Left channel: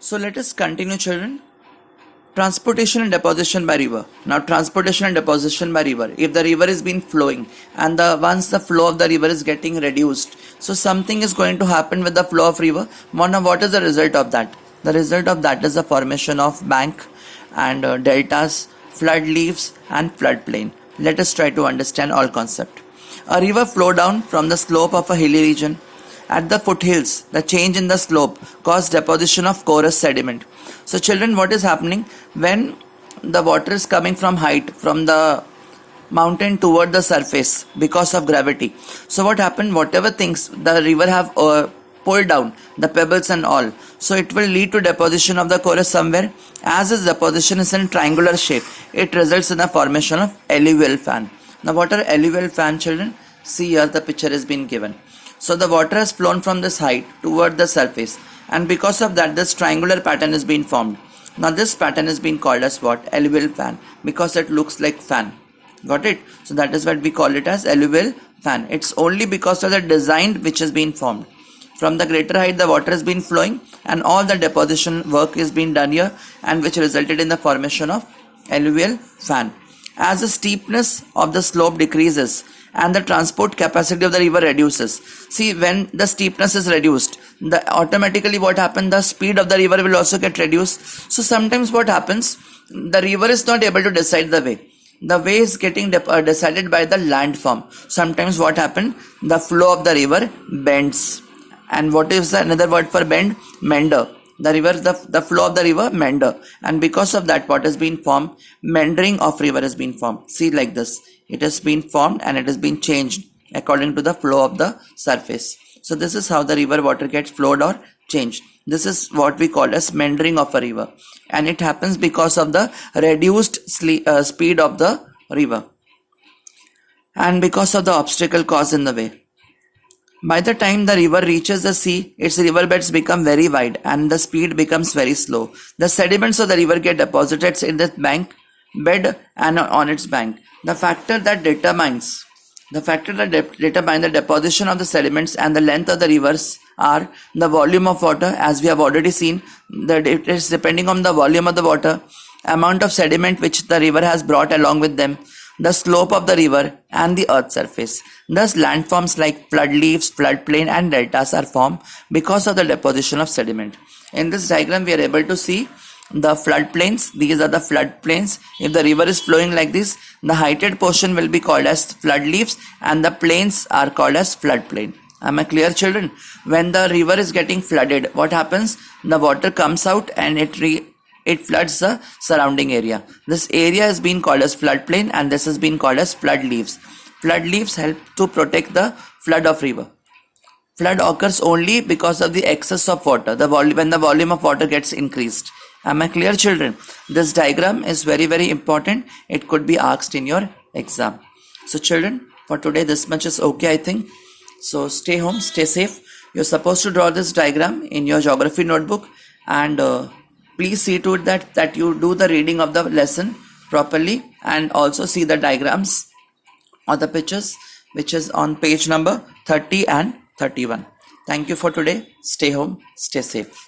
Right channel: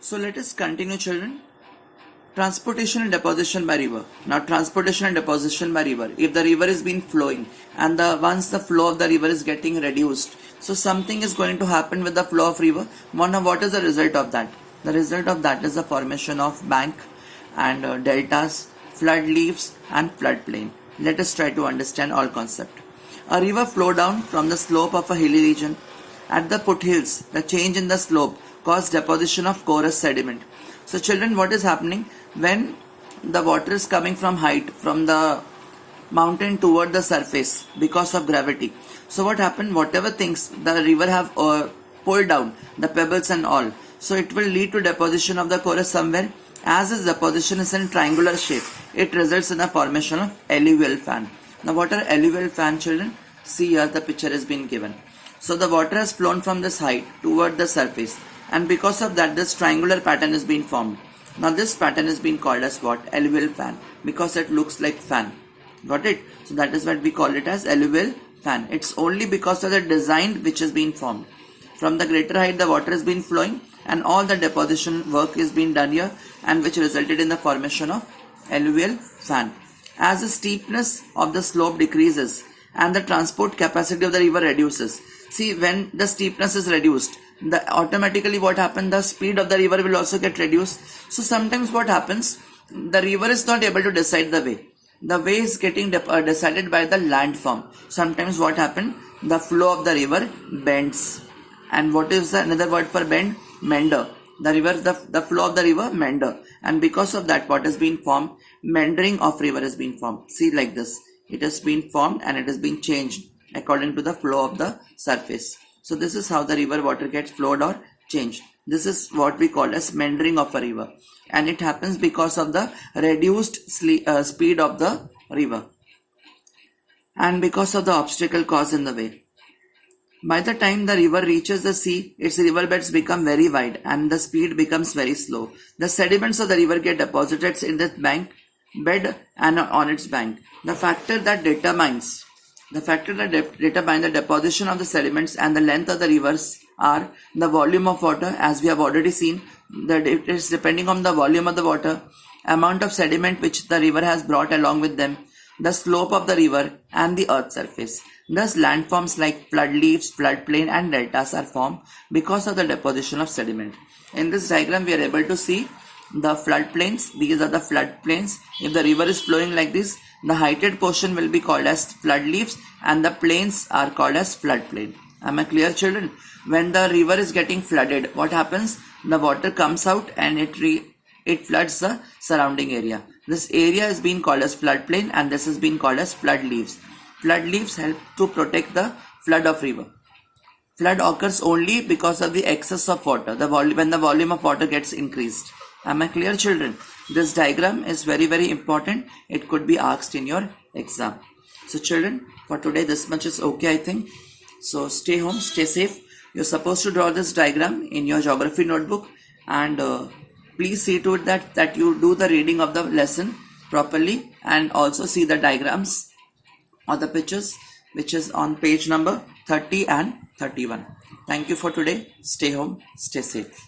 So let us continue, children. Transportation and deposition by river. Now transportation and deposition by river. If the river is been flowing and once the flow of the river is getting reduced, so something is going to happen with the flow of river. What is the result of that? The result of that is the formation of bank and deltas, flood leaves and floodplain. Let us try to understand all concept. A river flow down from the slope of a hilly region. At the foothills, the change in the slope caused deposition of porous sediment. So children, what is happening when the water is coming from height, from the mountain toward the surface because of gravity? So what happened, whatever things the river have pulled down, the pebbles and all, so it will lead to deposition of the chorus somewhere. As its deposition is in triangular shape, it results in the formation of alluvial fan. Now what are alluvial fan, children? See here, the picture has been given. So the water has flown from this height toward the surface, and because of that this triangular pattern is being formed. Now this pattern is being called as what? Alluvial fan, because it looks like fan. Got it? So that is what we call it as alluvial fan. It's only because of the design which has been formed. From the greater height the water has been flowing and all the deposition work is being done here, and which resulted in the formation of alluvial fan. As the steepness of the slope decreases and the transport capacity of the river reduces. See, when the steepness is reduced, automatically what happens, the speed of the river will also get reduced. So sometimes what happens, the river is not able to decide the way. The way is getting decided by the landform. Sometimes what happens, the flow of the river bends. And what is another word for bend? Meander. The river, the flow of the river meander, and because of that what has been formed, meandering of river has been formed. See, like this, it has been formed and it has been changed according to the flow of the surface. So this is how the river water gets flowed or changed. This is what we call as meandering of a river, and it happens because of the reduced speed of the river and because of the obstacle caused in the way. By the time the river reaches the sea, its riverbeds become very wide and the speed becomes very slow. The sediments of the river get deposited in the bank bed and on its bank. The factor that determines the deposition of the sediments and the length of the rivers are the volume of water, as we have already seen, that it is depending on the volume of the water, amount of sediment which the river has brought along with them, the slope of the river and the earth surface. Thus landforms like flood leaves, floodplain and deltas are formed because of the deposition of sediment. In this diagram we are able to see the floodplains. These are the floodplains. If the river is flowing like this, the heighted portion will be called as flood leaves and the plains are called as floodplain. Am I clear, children? When the river is getting flooded, what happens? The water comes out and it floods the surrounding area. This area has been called as floodplain and this has been called as flood leaves. Flood leaves help to protect the flood of river. Flood occurs only because of the excess of water, when the volume of water gets increased. Am I clear, children? This diagram is very, very important. It could be asked in your exam. So children, for today this much is okay, I think. So stay home, stay safe. You're supposed to draw this diagram in your geography notebook, and please see to it that you do the reading of the lesson properly and also see the diagrams or the pictures which is on page number 30 and 31. Thank you for today. Stay home, stay safe.